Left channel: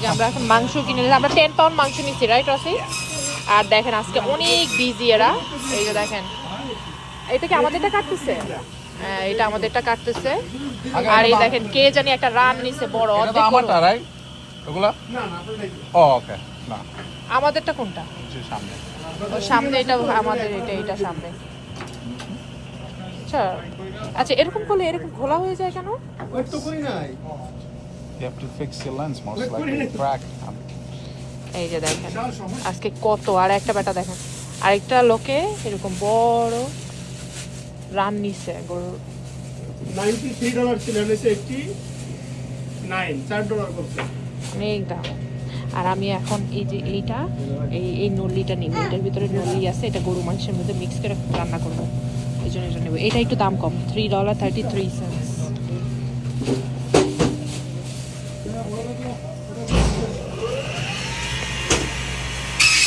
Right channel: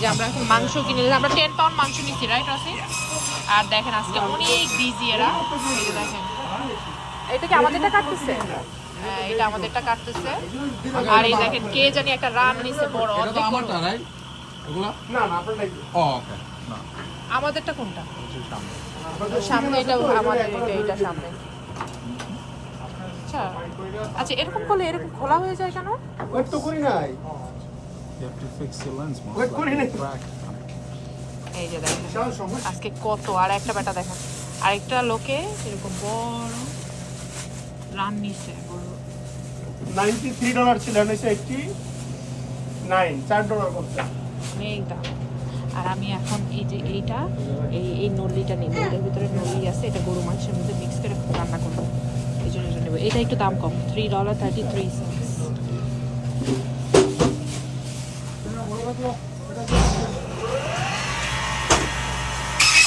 যে আমরা এখন মাংস কিনে নিলাম, আমরা 10 পাউন্ড মাংস নিচ্ছি, রাইট রসি? আর দেখেন আজকে অনেক বিজি এরা, এই যে দেখেন এটা কি আমাদেরটা কাটতেছে? হ্যাঁ এটা আমাদেরটা কাটতেছে। আর এই দেখেন কে জানি একটা রান নিছে বড়, এটা তো অর্ধেক আমারটা বড়। রাইট ওগুলা না না আপনারটাই ও ওকে না আমাদেরটা কোনটা? কিছু সামনে সামনে এটা আমাদের, এটা সামনে। আচ্ছা আচ্ছা, এরকম করলে এরকম খোলা হয়ে যায় কেন? ওয়েট তো করি নাই you have to fix the lens most Wait, করি নাই। crack এই যে দেখেন বিশাল সমস্যা আজকে কত, আর একটা বেটা দেখেন আরেকটা লোকে এরকম বড় রান নিছে বড়। $93 ছিল হয়েছে 89 $4 করছে অনেকটা। আর আমি এখন এই যে এইটা এই নল্লিটা নিব, এটার ভিতরে নল্লি আছে, এটা গরু মাংসের মধ্যে মিক্স করে রান্না করবো, এই জন্য এটা নেবো। এটা একটু দাম কম, $3.33।